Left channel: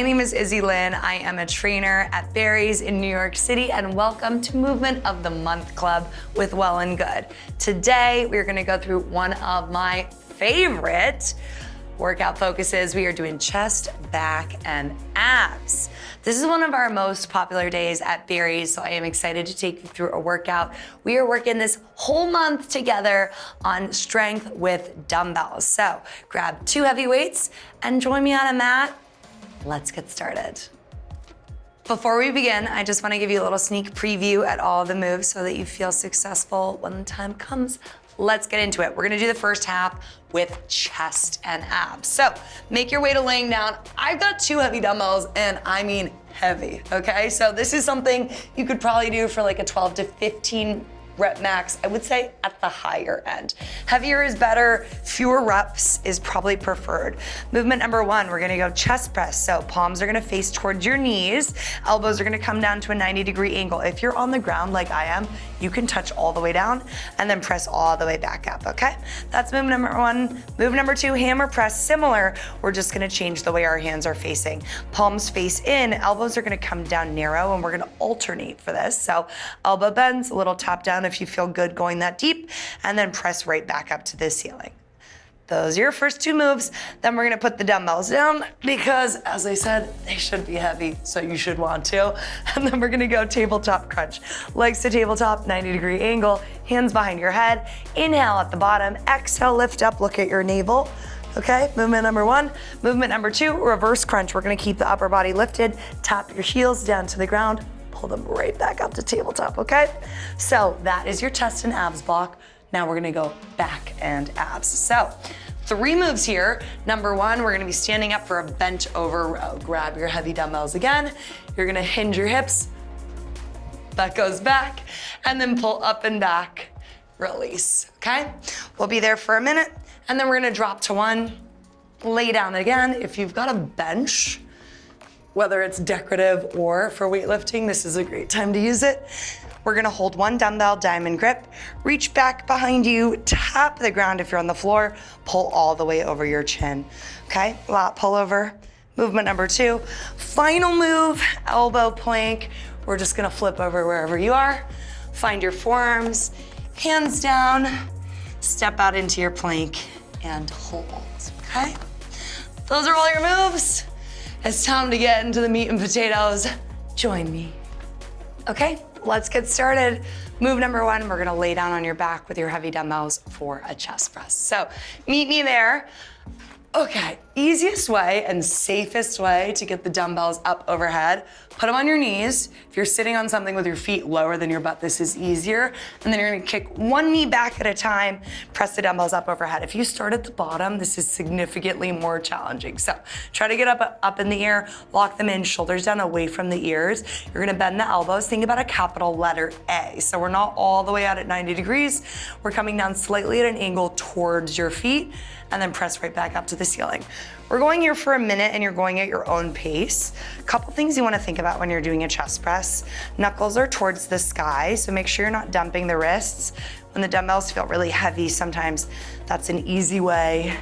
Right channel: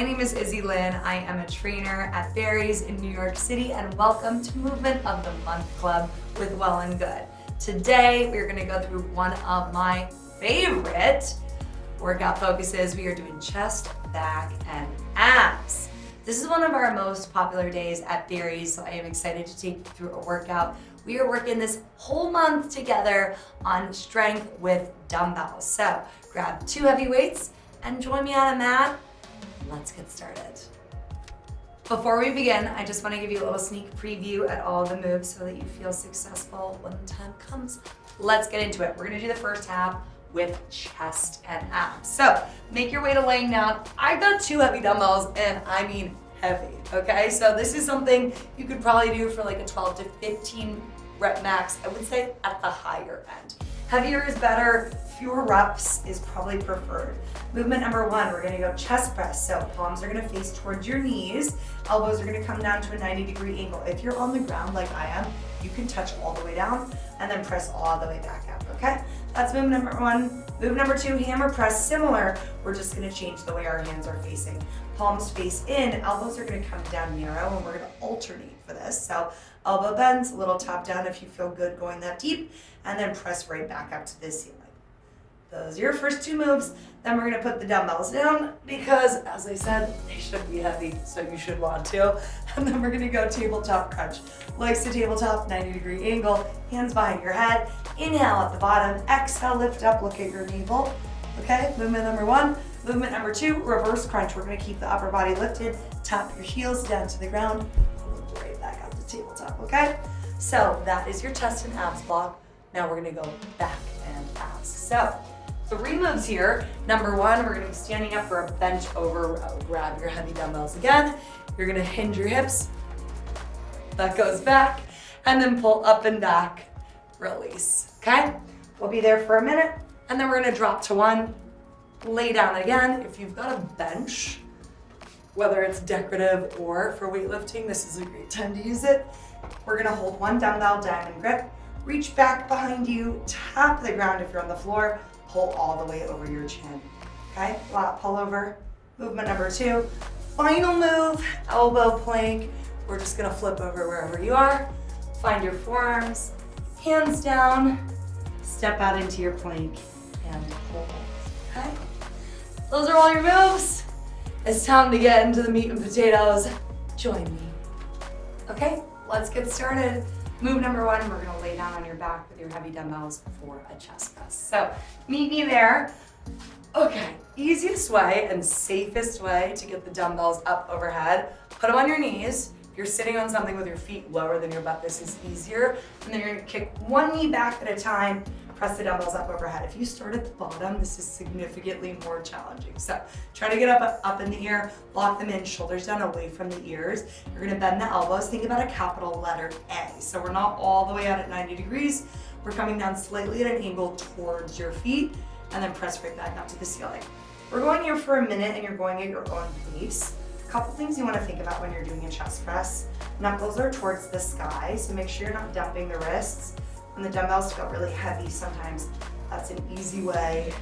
My name is Izzi Lynn. I am a trainer at Barry's in New York City, and welcome to Movement of the Month Club with Well+Good. Today, we're gonna go through one of my favorite workout focuses. We are doing chest, back, and abs. This is one of our most popular days at Barry's, so I am excited to take you through a workout. We are working this whole month together on strength with dumbbells. So grab 2 heavy weights and join me on a mat. Let's get started. Before we begin, I just want to give you a little sneak preview at all the moves so that you feel successful when the time comes. Let's get into it. We're gonna do the first half with chest and abs. So make your way to laying down. I've got 2 heavy dumbbells, and I mean heavy, okay? So this is something you could probably do for like a 12 to 15 rep max, I would say at the higher end. Heavier is better, fewer reps is probably preferred. Movement number 1, we're gonna go chest press. So palms are gonna face towards your knees, elbows are gonna come down to a 90-degree angle. If you're on the ground like I am, you can touch all the way down and then press all the way back up, okay? That's movement number 1. Move number 2, hammer press, similar. We're just gonna change the way our hands are facing. Palms face in, elbows are gonna come down narrow, and we're gonna alternate for this. So elbow bends, a little tap down if you feel good going that deep, and then press right back up to the ceiling. Those are your first 2 moves. Then we're gonna put the dumbbells down because, as I said, they should be heavy, so you should want to. And then we're gonna go tabletop crunch. Legs to tabletop, 90-degree angle, hands behind your head. Inhale at the bottom, exhale, lift up, look at your navel. Okay, movement number 1. Movement number 2, reverse crunch. We're gonna keep the upper body lifted, tap your heels down to the ground, pull them right back up to tabletop, okay? So that is your chest and abs block. Now we're gonna go back and abs. So 3 moves here. Number 1, we're gonna be standing up for a bench over row. Grab your heavy dumbbells again. You're gonna hinge your hips. That goes back, and then pull up and back, release, okay? We'll be there for a minute, and then we're gonna drop to 1, lay down again. If you've got a bench, whether it's decorative or for weightlifting, this is a great time to use it. We're gonna hold 1 dumbbell, diamond grip, reach back behind you, tap the ground if you're on the floor, pull all the way over your chin, okay? Lat pull over. Movement number 2, final move, elbow plank. We're just gonna flip over wherever you are, find your forearms, hands down, step out into your plank, and hold, okay? Those are all your moves. It's time to get into the meat and potatoes. Join me. Okay, let's get started. Move number 1, we're gonna lay down on your back with your heavy dumbbells for a chest press. So meet me there. Okay, easiest way and safest way to get the dumbbells up overhead, put them on your knees. If you're sitting on something with your feet lower than your butt, this is easier. And then you're gonna kick 1 knee back at a time, press the dumbbells up overhead. If you start at the bottom, this is significantly more challenging. So try to get up in the air, lock them in, shoulders down away from the ears. You're gonna bend the elbows, think about a capital letter A. So we're not all the way out at 90 degrees. We're coming down slightly at an angle towards your feet, and then press right back up to the ceiling. We're going here for a minute, and you're going at your own pace. A couple things you wanna think about when you're doing a chest press. Knuckles are towards the sky, so make sure you're not dumping the wrists. When the dumbbells feel really heavy, sometimes that's an easy way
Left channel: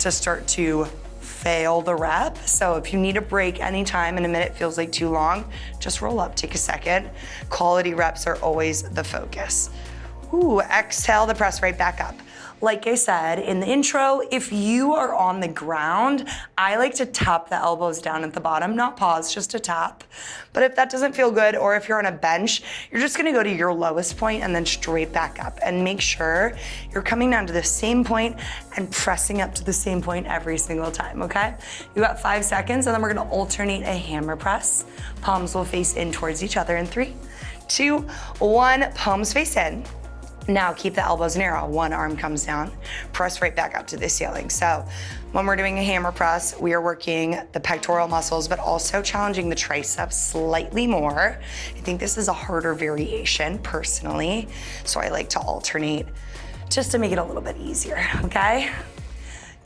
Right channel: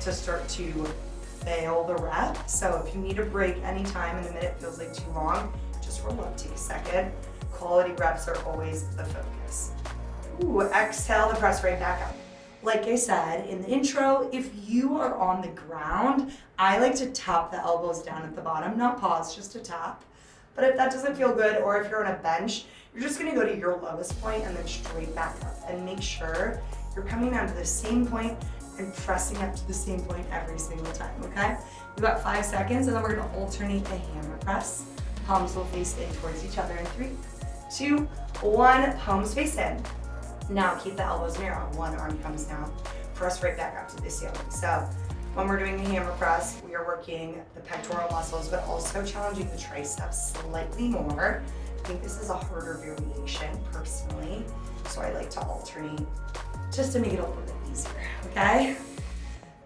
to start to fail the rep. So if you need a break anytime and a minute feels like too long, just roll up, take a second. Quality reps are always the focus. Ooh, exhale the press right back up. Like I said in the intro, if you are on the ground, I like to tap the elbows down at the bottom, not pause, just a tap. But if that doesn't feel good, or if you're on a bench, you're just gonna go to your lowest point and then straight back up, and make sure you're coming down to the same point and pressing up to the same point every single time, okay? You got 5 seconds, and then we're gonna alternate a hammer press. Palms will face in towards each other in 3, 2, 1, palms face in. Now keep the elbows narrow. 1 arm comes down, press right back up to the ceiling. So when we're doing a hammer press, we are working the pectoral muscles, but also challenging the triceps slightly more. I think this is a harder variation personally, so I like to alternate just to make it a little bit easier, okay?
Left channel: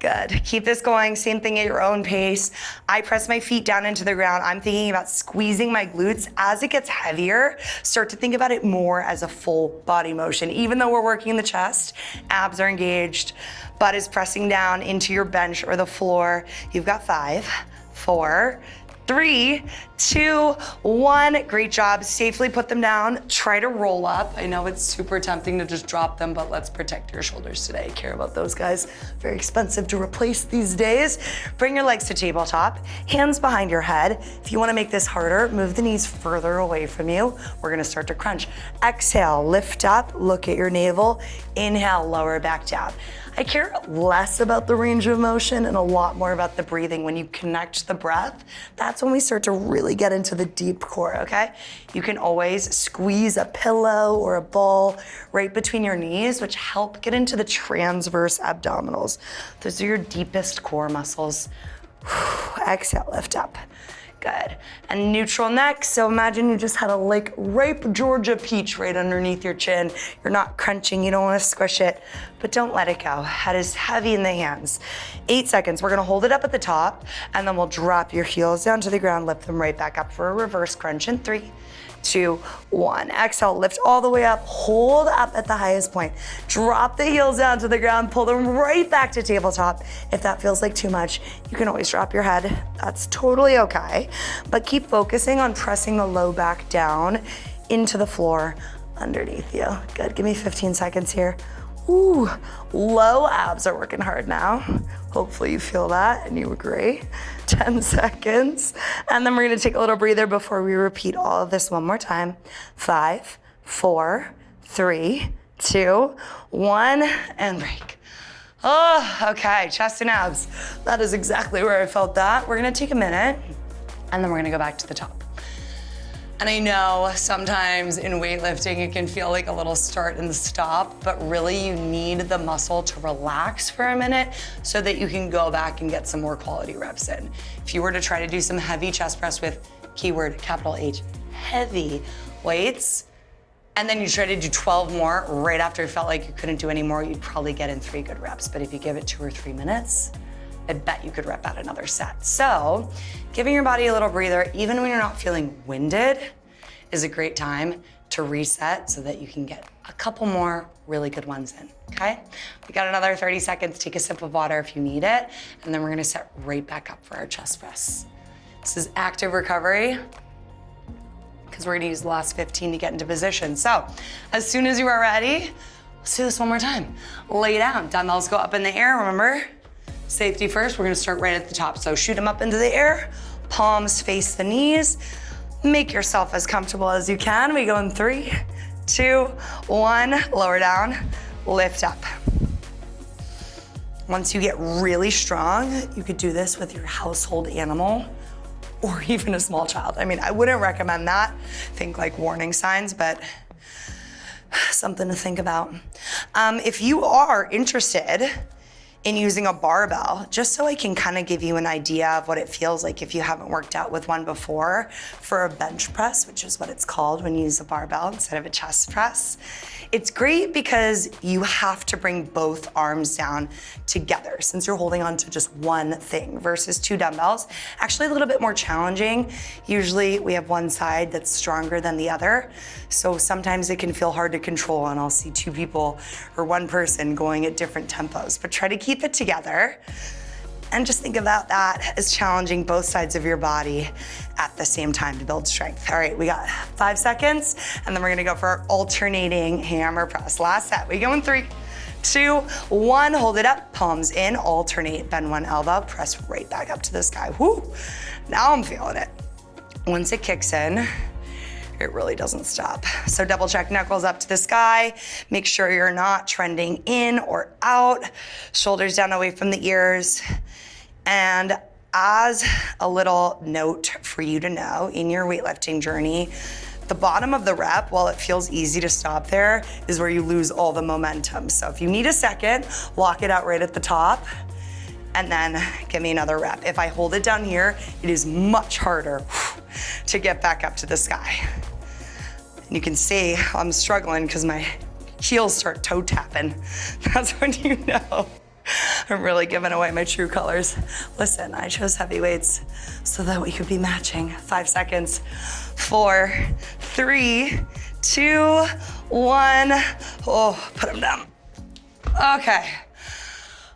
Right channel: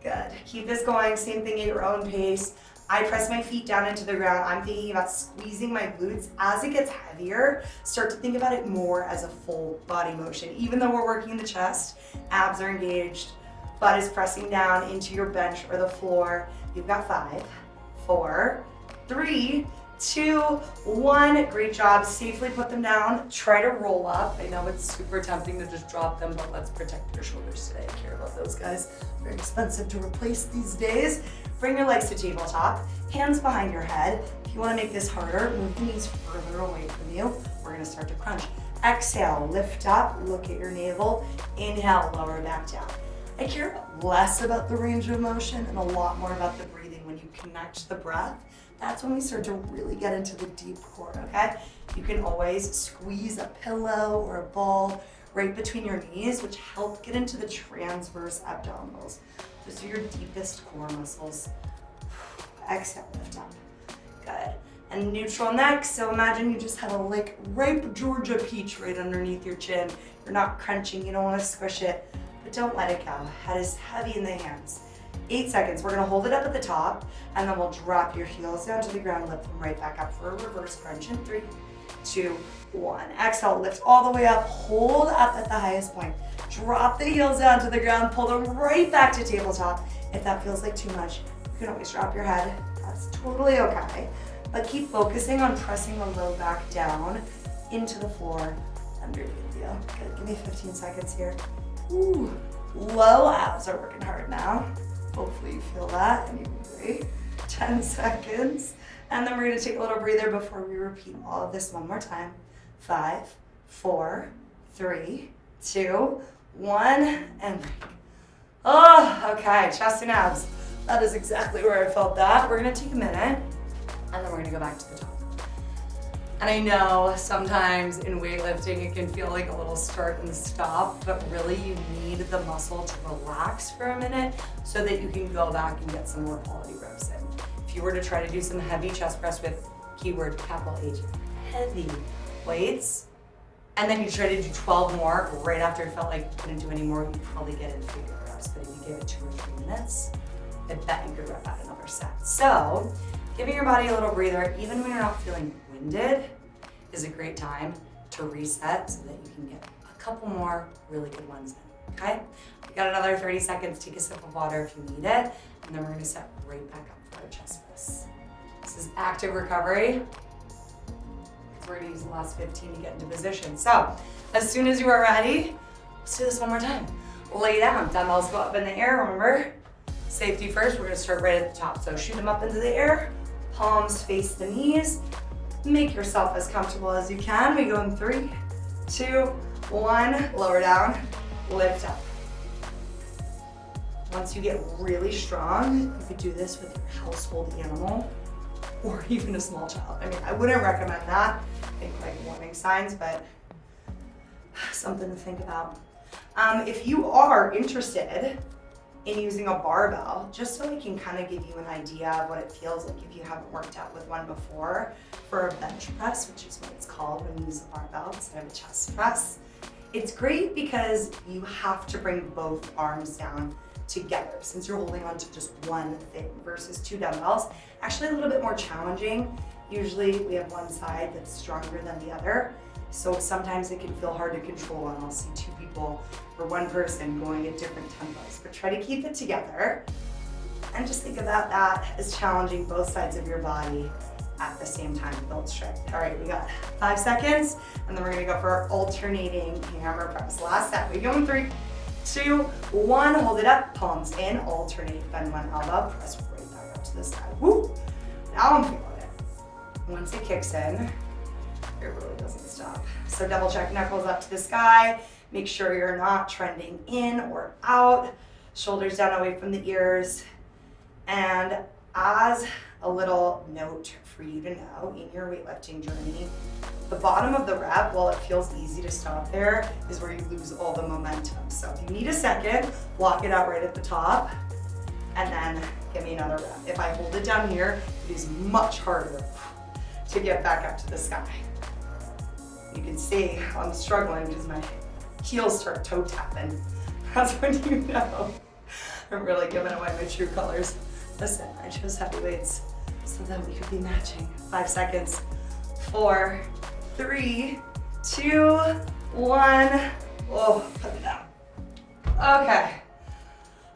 Good, keep this going, same thing at your own pace. I press my feet down into the ground. I'm thinking about squeezing my glutes. As it gets heavier, start to think about it more as a full body motion. Even though we're working the chest, abs are engaged, butt is pressing down into your bench or the floor. You've got 5, 4, 3, 2, 1. Great job. Safely put them down. Try to roll up. I know it's super tempting to just drop them, but let's protect your shoulders today. Care about those guys. Very expensive to replace these days. Bring your legs to tabletop. Hands behind your head. If you want to make this harder, move the knees further away from you. We're going to start to crunch. Exhale, lift up, look at your navel. Inhale, lower back down. I care less about the range of motion and a lot more about the breathing. When you connect the breath, that's when we start to really get into the deep core, okay? You can always squeeze a pillow or a ball right between your knees, which help get into the transverse abdominals. Those are your deepest core muscles. Exhale, lift up. Good. And neutral neck, so imagine you just had a like ripe Georgia peach right underneath your chin. You're not crunching, you don't want to squish it, but don't let it go. Head is heavy in the hands. 8 seconds, we're gonna hold it up at the top, and then we'll drop your heels down to the ground, lift them right back up for a reverse crunch in 3, 2, 1. Exhale, lift all the way up, hold up at the highest point. Drop the heels down to the ground, pull them right back to tabletop. If that feels like too much, you can always drop your head. That's totally okay. But keep focusing on pressing the low back down into the floor underneath you. Good, give me 15 seconds here. Ooh, low abs are working hard now. Hopefully you feel that and you agree. 10 seconds. And then we're gonna take a little breather before we repeat all of this one more time. 5, 4, 3, 2, 1, and break. Oh, okay, chest and abs. That is exactly where I felt that. We're gonna take a minute and then we're gonna go back to the top. And I know sometimes in weightlifting, it can feel like a little start and stop, but really you need the muscle to relax for a minute so that you can go back and get some more quality reps in. If you were to try to do some heavy chest press with keyword capital H, heavy weights, and then you try to do 12 more right after it felt like you couldn't do any more, you'd probably get in 3 good reps. But if you give it 2 or 3 minutes, I bet you could rep out another set. So giving your body a little breather, even when you're not feeling winded, is a great time to reset so that you can get a couple more really good ones in, okay? We got another 30 seconds. Take a sip of water if you need it, and then we're gonna set right back up for our chest press. This is active recovery, because we're gonna use the last 15 to get into position. So as soon as you are ready, let's do this one more time. Lay down, dumbbells go up in the air, remember? Safety first, we're gonna start right at the top. So shoot them up into the air, palms face the knees. Make yourself as comfortable as you can. We go in 3, 2, 1, lower down, lift up. Once you get really strong, you could do this with your household animal or even a small child. I mean, I wouldn't recommend that. Think like warning signs, but something to think about. If you are interested in using a barbell, just so I can kind of give you an idea of what it feels like if you haven't worked out with one before, for a bench press, which is what it's called when you use a barbell instead of a chest press. It's great because you have to bring both arms down together since you're holding on to just one thing versus 2 dumbbells. Actually a little bit more challenging. Usually we have one side that's stronger than the other. So sometimes it can feel hard to control and I'll see 2 people or 1 person going at different tempos, but try to keep it together. And just think about that as challenging both sides of your body at the same time to build strength. All right, we got 5 seconds, and then we're gonna go for our alternating hammer press. Last set, we go in 3, 2, 1, hold it up, palms in, alternate, bend one elbow, press right back up to the sky. Whoo, now I'm feeling it. Once it kicks in, it really doesn't stop. So double check knuckles up to the sky. Make sure you're not trending in or out. Shoulders down away from the ears. And as a little note for you to know in your weightlifting journey, the bottom of the rep, while it feels easy to stop there, is where you lose all the momentum. So if you need a second, lock it out right at the top and then give me another rep. If I hold it down here, it is much harder to get back up to the sky. And you can see I'm struggling because my heels start toe tapping. That's when you know I'm really giving away my true colors. Listen, I chose heavy weights so that we could be matching. 5 seconds. 4, 3, 2, 1. Oh, put them down. Okay.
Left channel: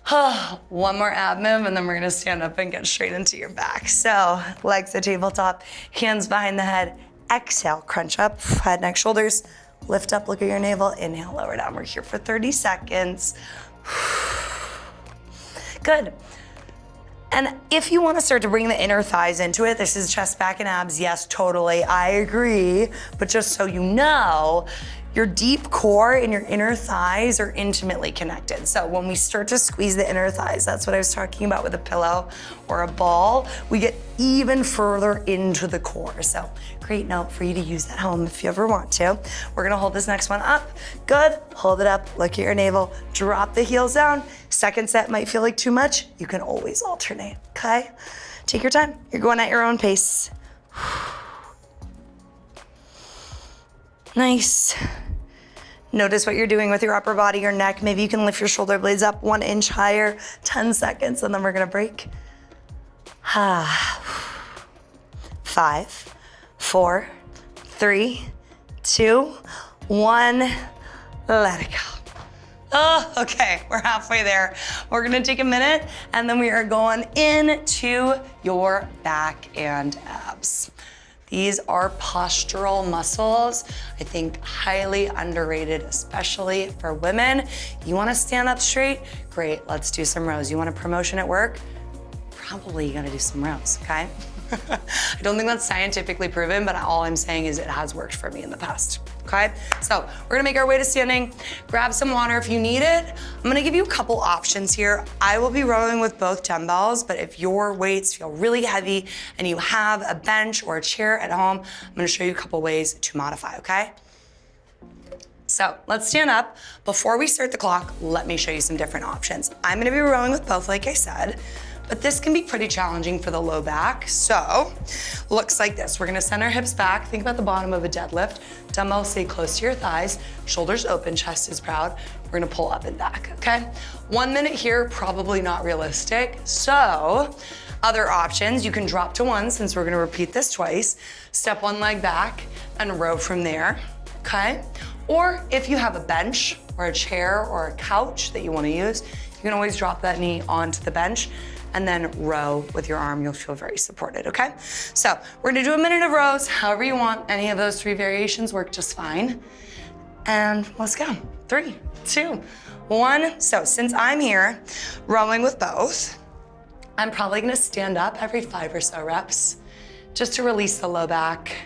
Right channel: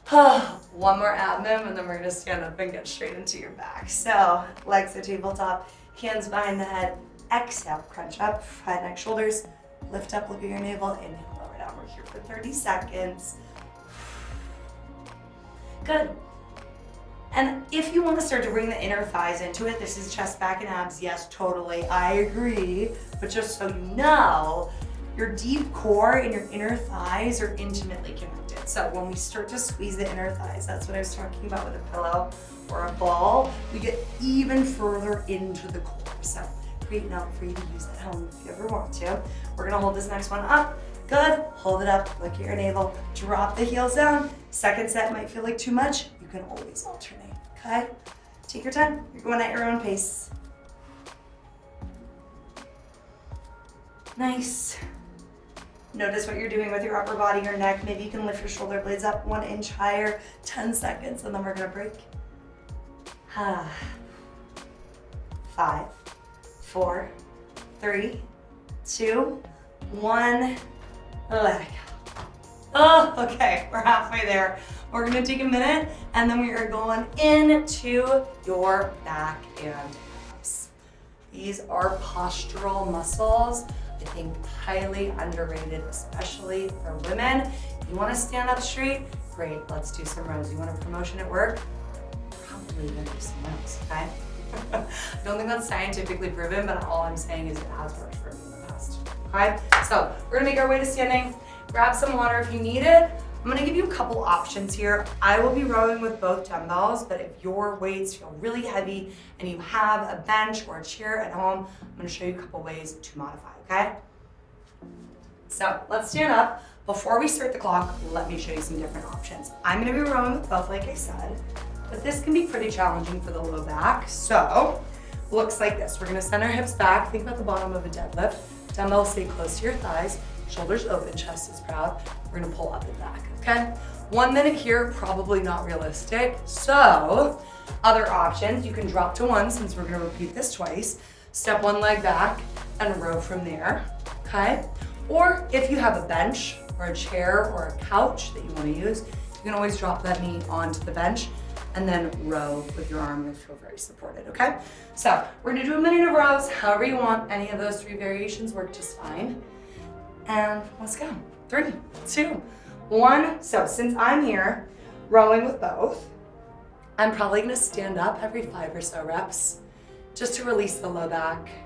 One more ab move, and then we're gonna stand up and get straight into your back. So legs at tabletop, hands behind the head. Exhale, crunch up, head, neck, shoulders. Lift up, look at your navel. Inhale, lower down. We're here for 30 seconds. Good. And if you want to start to bring the inner thighs into it, this is chest, back, and abs. Yes, totally, I agree. But just so you know, your deep core and your inner thighs are intimately connected. So when we start to squeeze the inner thighs, that's what I was talking about with a pillow or a ball, we get even further into the core. So great note for you to use at home if you ever want to. We're gonna hold this next one up. Good, hold it up, look at your navel, drop the heels down. Second set might feel like too much. You can always alternate, okay? Take your time, you're going at your own pace. Nice. Notice what you're doing with your upper body, your neck. Maybe you can lift your shoulder blades up 1 inch higher, 10 seconds, and then we're gonna break. 5, 4, 3, 2, 1. Let it go. Oh, okay, we're halfway there. We're gonna take a minute, and then we are going into your back and abs. These are postural muscles. I think highly underrated, especially for women. You wanna stand up straight? Great, let's do some rows. You want a promotion at work? Probably gonna do some rows, okay? I don't think that's scientifically proven, but all I'm saying is it has worked for me in the past, okay? So we're gonna make our way to standing. Grab some water if you need it. I'm gonna give you a couple options here. I will be rowing with both dumbbells, but if your weights feel really heavy and you have a bench or a chair at home, I'm gonna show you a couple ways to modify, okay? So let's stand up. Before we start the clock, let me show you some different options. I'm gonna be rowing with both, like I said. But this can be pretty challenging for the low back. So, looks like this. We're gonna send our hips back. Think about the bottom of a deadlift. Dumbbells stay close to your thighs. Shoulders open, chest is proud. We're gonna pull up and back, okay? 1 minute here, probably not realistic. So, other options, you can drop to 1 since we're gonna repeat this twice. Step 1 leg back and row from there, okay? Or if you have a bench or a chair or a couch that you wanna use, you can always drop that knee onto the bench and then row with your arm. You'll feel very supported, okay? So we're gonna do a minute of rows, however you want. Any of those 3 variations work just fine. And let's go. 3, 2, 1. So since I'm here rowing with both, I'm probably gonna stand up every 5 or so reps just to release the low back,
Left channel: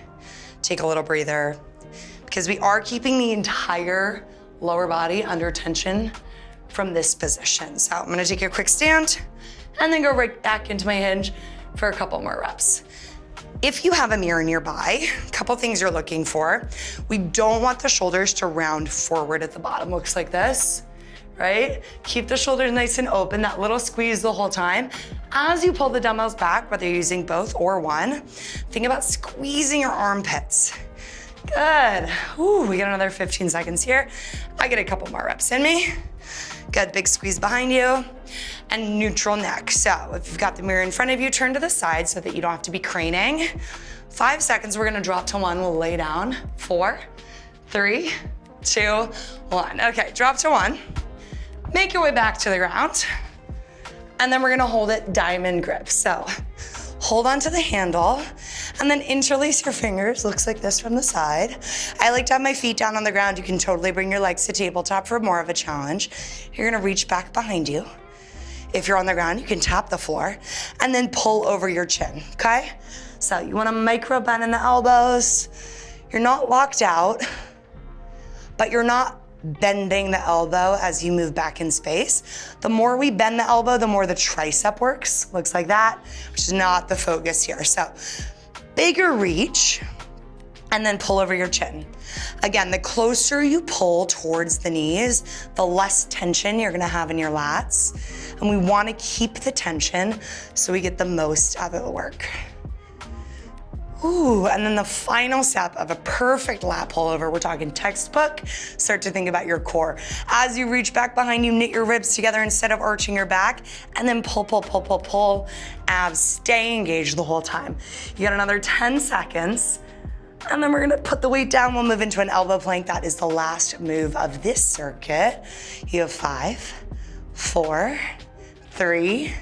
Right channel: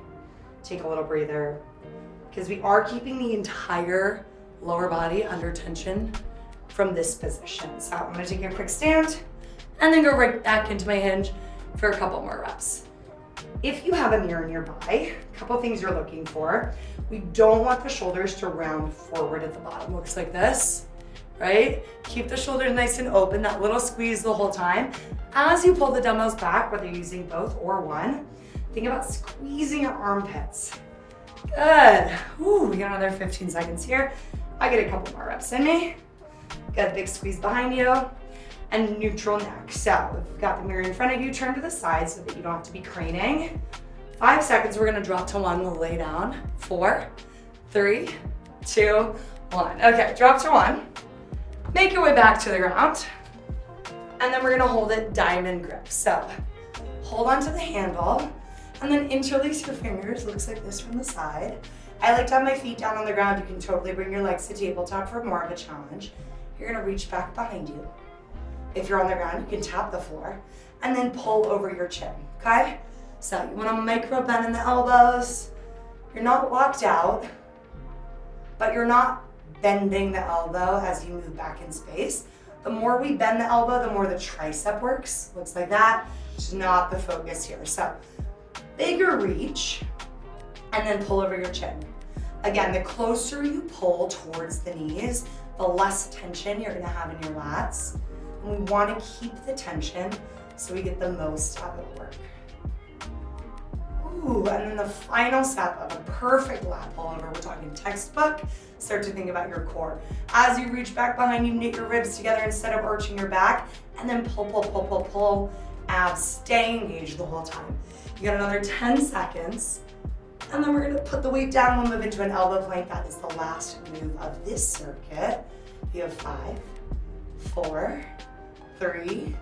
take a little breather, because we are keeping the entire lower body under tension from this position. So I'm gonna take a quick stand, and then go right back into my hinge for a couple more reps. If you have a mirror nearby, a couple things you're looking for. We don't want the shoulders to round forward at the bottom. Looks like this, right? Keep the shoulders nice and open, that little squeeze the whole time. As you pull the dumbbells back, whether you're using both or one, think about squeezing your armpits. Good. Ooh, we got another 15 seconds here. I get a couple more reps in me. Good, big squeeze behind you. And neutral neck. So if you've got the mirror in front of you, turn to the side so that you don't have to be craning. 5 seconds, we're gonna drop to 1, we'll lay down. 4, 3, 2, 1. Okay, drop to 1. Make your way back to the ground. And then we're gonna hold it diamond grip. So hold onto the handle and then interlace your fingers. Looks like this from the side. I like to have my feet down on the ground. You can totally bring your legs to tabletop for more of a challenge. You're gonna reach back behind you. If you're on the ground, you can tap the floor and then pull over your chin, okay? So you want to micro bend in the elbows. You're not locked out, but you're not bending the elbow as you move back in space. The more we bend the elbow, the more the tricep works. Looks like that, which is not the focus here. So bigger reach and then pull over your chin. Again, the closer you pull towards the knees, the less tension you're gonna have in your lats. And we wanna keep the tension so we get the most out of the work. Ooh, and then the final step of a perfect lat pullover, we're talking textbook, start to think about your core. As you reach back behind you, knit your ribs together instead of arching your back, and then pull, pull, pull, pull, pull. Abs stay engaged the whole time. You got another 10 seconds. And then we're gonna put the weight down. We'll move into an elbow plank. That is the last move of this circuit. You have 5, 4, 3,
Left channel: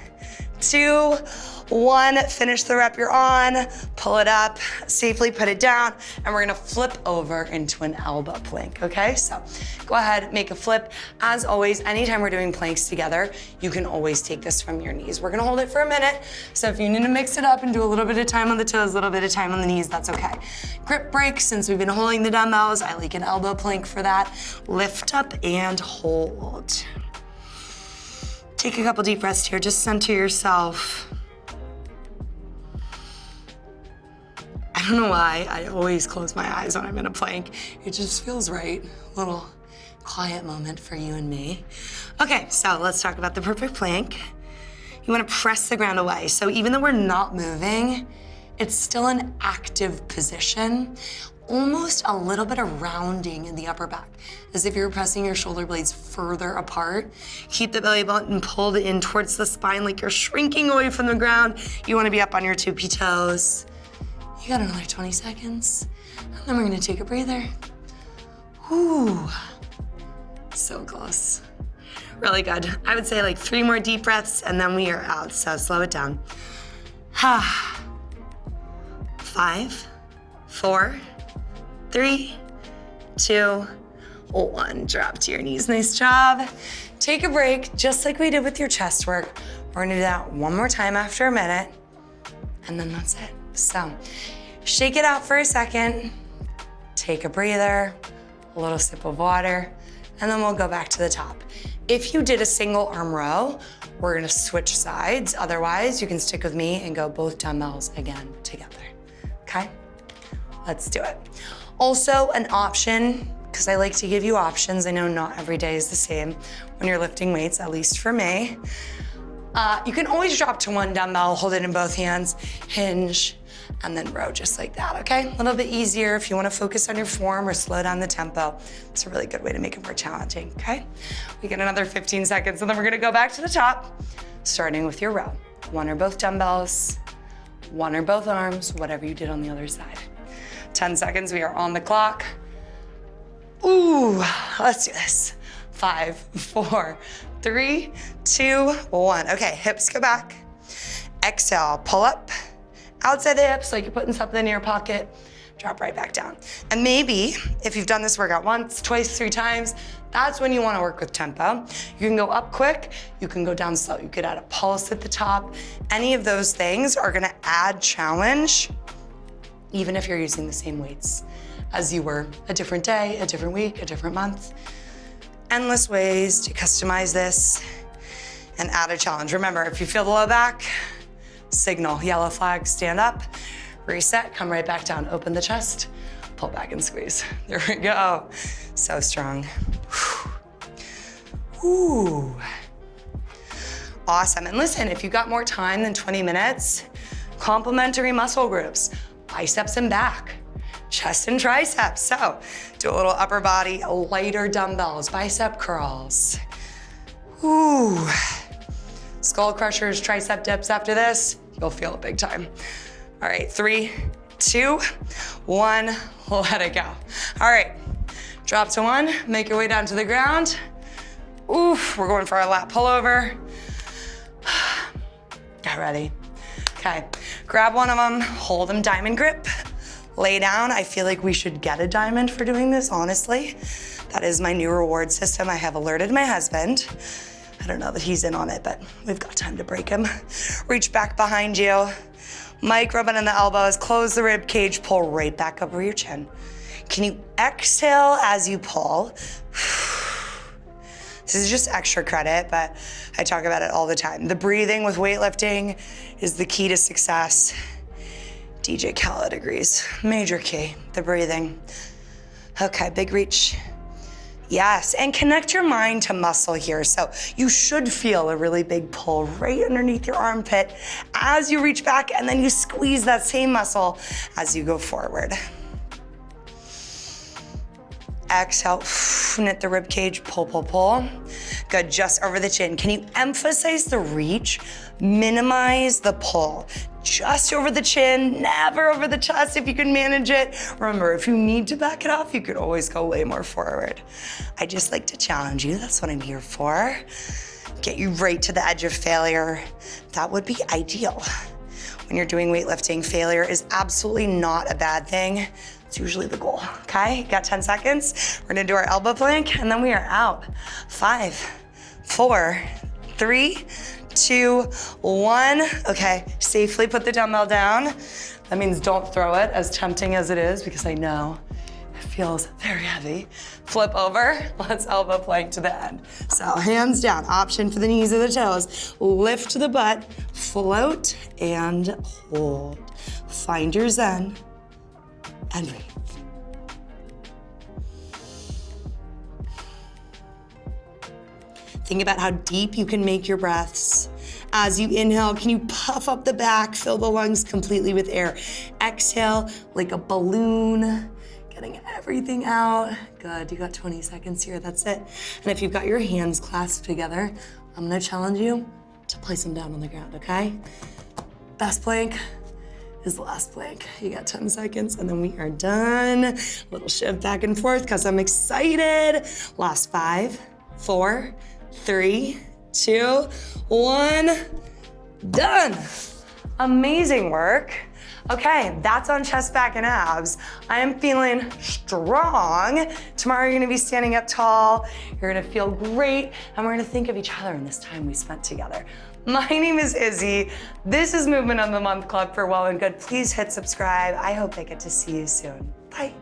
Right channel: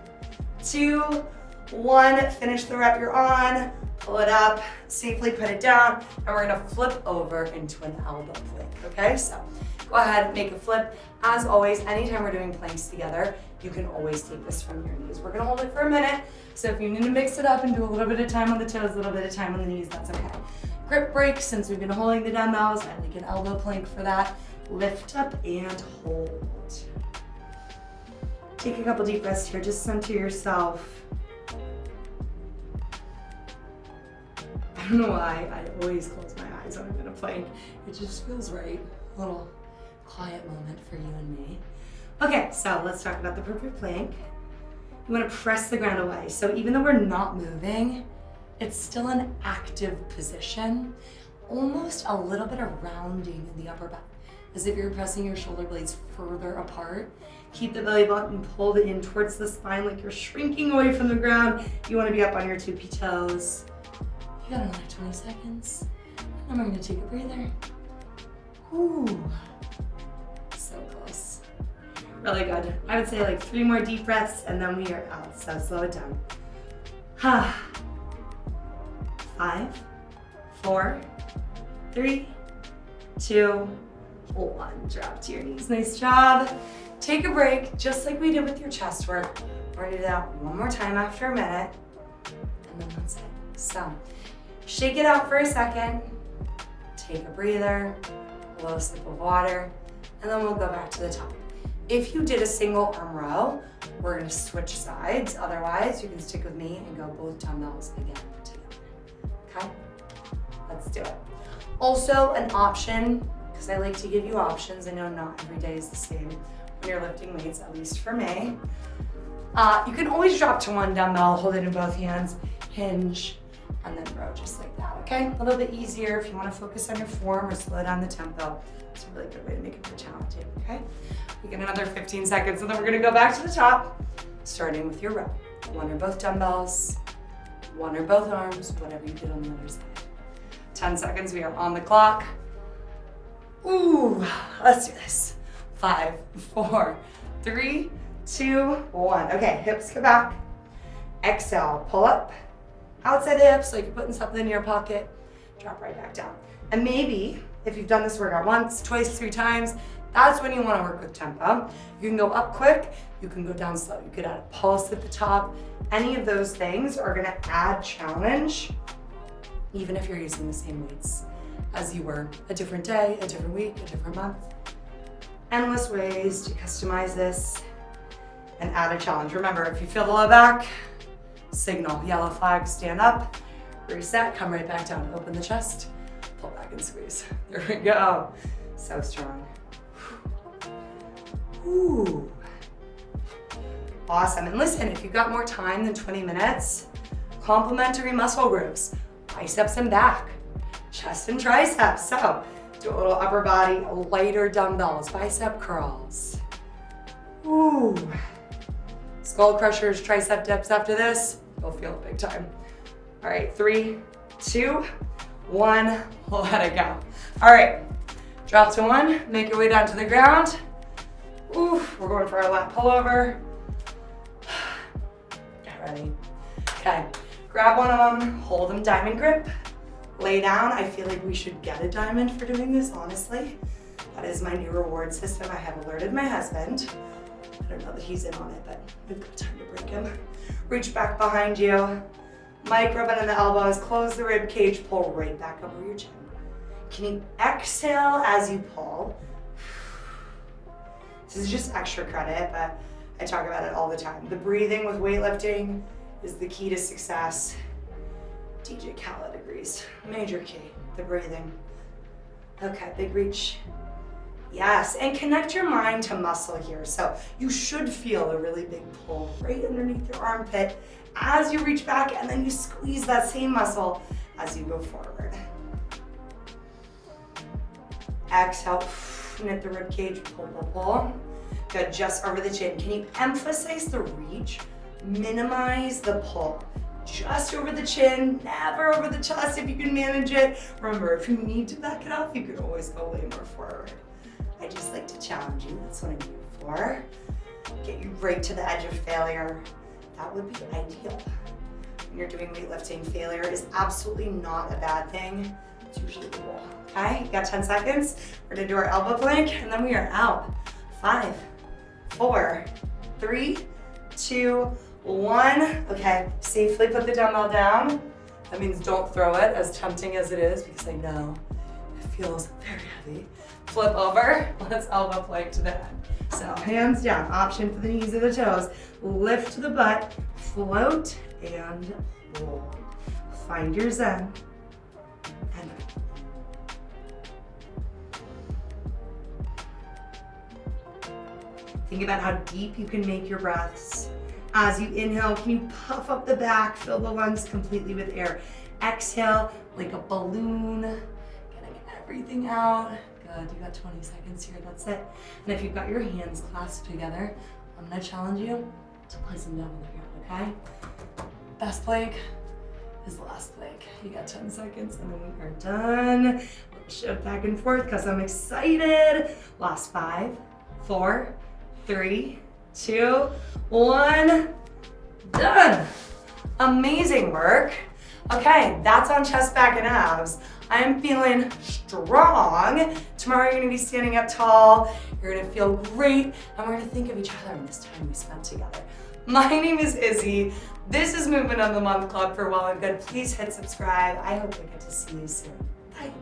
2, 1. Finish the rep you're on, pull it up, safely put it down, and we're gonna flip over into an elbow plank, okay? So go ahead, make a flip. As always, anytime we're doing planks together, you can always take this from your knees. We're gonna hold it for a minute, so if you need to mix it up and do a little bit of time on the toes, a little bit of time on the knees, that's okay. Grip break, since we've been holding the dumbbells, I like an elbow plank for that. Lift up and hold. Take a couple deep breaths here, just center yourself. I don't know why I always close my eyes when I'm in a plank. It just feels right. A little quiet moment for you and me. Okay, so let's talk about the perfect plank. You wanna press the ground away. So even though we're not moving, it's still an active position. Almost a little bit of rounding in the upper back, as if you're pressing your shoulder blades further apart. Keep the belly button pulled in towards the spine like you're shrinking away from the ground. You wanna be up on your tippy toes. You got another 20 seconds. And then we're gonna take a breather. Ooh, so close. Really good. I would say like 3 more deep breaths and then we are out, so slow it down. 5, 4, 3, 2, 1. Drop to your knees, nice job. Take a break, just like we did with your chest work. We're gonna do that one more time after a minute, and then that's it. So, shake it out for a second, take a breather, a little sip of water, and then we'll go back to the top. If you did a single arm row, we're gonna switch sides. Otherwise, you can stick with me and go both dumbbells again together, okay? Let's do it. Also, an option, because I like to give you options. I know not every day is the same when you're lifting weights, at least for me. You can always drop to 1 dumbbell, hold it in both hands, hinge, and then row just like that, okay? A little bit easier if you wanna focus on your form or slow down the tempo. It's a really good way to make it more challenging, okay? We get another 15 seconds, and then we're gonna go back to the top, starting with your row. 1 or both dumbbells, 1 or both arms, whatever you did on the other side. 10 seconds, we are on the clock. Ooh, let's do this. 5, 4, 3, 2, 1. Okay, hips go back. Exhale, pull up. Outside the hips, like you're putting something in your pocket. Drop right back down. And maybe, if you've done this workout once, twice, 3 times, that's when you wanna work with tempo. You can go up quick, you can go down slow. You could add a pulse at the top. Any of those things are gonna add challenge, even if you're using the same weights as you were a different day, a different week, a different month. Endless ways to customize this and add a challenge. Remember, if you feel the low back, signal, yellow flag, stand up, reset, come right back down, open the chest, pull back and squeeze. There we go. So strong. Ooh. Awesome, and listen, if you got more time than 20 minutes, complementary muscle groups, biceps and back, chest and triceps. So do a little upper body, lighter dumbbells, bicep curls. Ooh. Skull crushers, tricep dips after this, you'll feel it big time. All right, 3, 2, 1, let it go. All right, drop to 1, make your way down to the ground. Oof, we're going for our lat pullover. Get ready. Okay, grab one of them, hold them diamond grip, lay down. I feel like we should get a diamond for doing this, honestly. That is my new reward system. I have alerted my husband. I don't know that he's in on it, but we've got time to break him. Reach back behind you. Mike, rub it in the elbows, close the rib cage, pull right back over your chin. Can you exhale as you pull? This is just extra credit, but I talk about it all the time. The breathing with weightlifting is the key to success. DJ Khaled agrees. Major key, the breathing. Okay, big reach. Yes, and connect your mind to muscle here. So you should feel a really big pull right underneath your armpit as you reach back, and then you squeeze that same muscle as you go forward. Exhale, knit the rib cage, pull, pull, pull. Good, just over the chin. Can you emphasize the reach? Minimize the pull. Just over the chin, never over the chest if you can manage it. Remember, if you need to back it off, you could always go way more forward. I just like to challenge you, that's what I'm here for. get you right to the edge of failure. That would be ideal. When you're doing weightlifting, failure is absolutely not a bad thing. It's usually the goal, okay? You got 10 seconds. We're gonna do our elbow plank and then we are out. 5, 4, 3, 2, 1. Okay, safely put the dumbbell down. That means don't throw it, as tempting as it is, because I know it feels very heavy. Flip over, let's elbow plank to the end. So hands down, option for the knees or the toes. Lift the butt, float, and hold. Find your zen, and breathe. Think about how deep you can make your breaths. As you inhale, can you puff up the back, fill the lungs completely with air. Exhale like a balloon, getting everything out. Good, you got 20 seconds here, that's it. And if you've got your hands clasped together, I'm gonna challenge you to place them down on the ground, okay? Best plank is the last plank. You got 10 seconds and then we are done. A little shift back and forth because I'm excited. Last 5, 4, 3, 2, 1, done. Amazing work. Okay, that's on chest, back, and abs. I am feeling strong. Tomorrow you're gonna be standing up tall, you're gonna feel great, and we're gonna think of each other in this time we spent together. My name is Izzy. This is Movement of the Month Club for Well and Good. Please hit subscribe. I hope I get to see you soon. Bye.